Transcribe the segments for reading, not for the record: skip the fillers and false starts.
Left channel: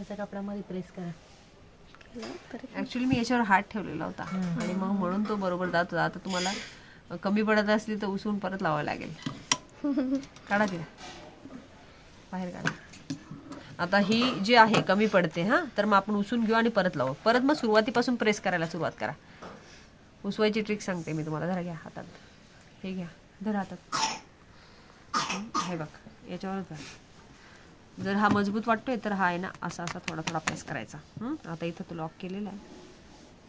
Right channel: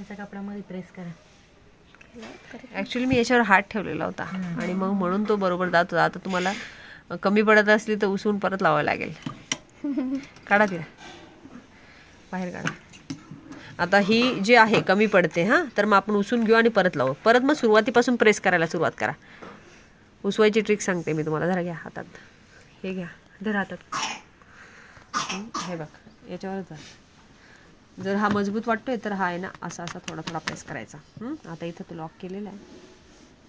खालच्या कपड्यामध्ये प्रेस करा. ऍक्च्युली मी याच्यावर हात ठेवलेला होता आणि मग म्हणून तो बरोबर जात होता. आता तुम्हाला कमी पडत असली तर उसून परत लावावं लागेल. काढा तिला बाहेर काढा. आता ही जी आहे कमी पडते हा, तर मग आपण उसून घेऊ आणि परत लावू. परत मग सुरुवातीपासून प्रेस करायला सुरुवात करा. उसवायची ट्रिक सांगते मी तुम्हाला. जरा घ्या हातात, हे घ्या, धरा हातात. हे बघ याच्यावरच जा. जर हा मजबूत वाटतोय तर हा आहे ना असा असा थोडा थोडा प्रेस करायचा. आता इथं तो लॉक केलेला आहे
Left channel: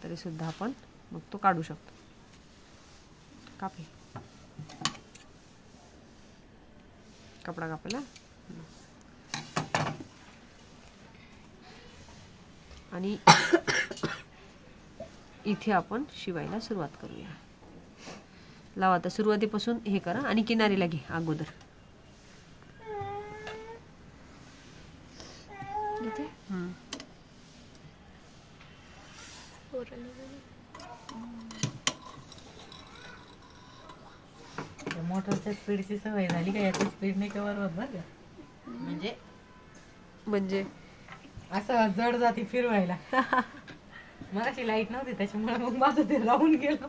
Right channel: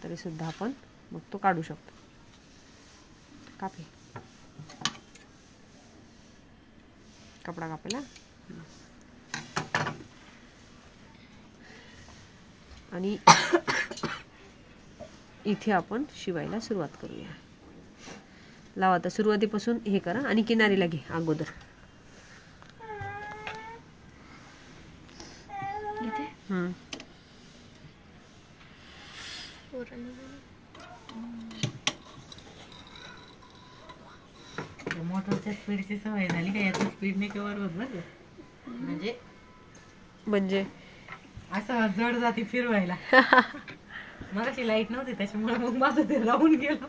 तरी सुद्धा आपण मग तो काढू शकतो. कापे कपडा कापेला आणि इथे आपण शिवायला सुरुवात करूया. लावा आता सुरुवातीपासून हे करा आणि किनारीला घे अगोदर. मोटरच्या स्पीडची सवय झाली का याची स्पीडने कव्हर होत बरं. म्हणजे असं जड जाती फिरवायला. मगाशी लाईट नव्हती त्याच्यामुळे मग माझं ते राहून गेलं.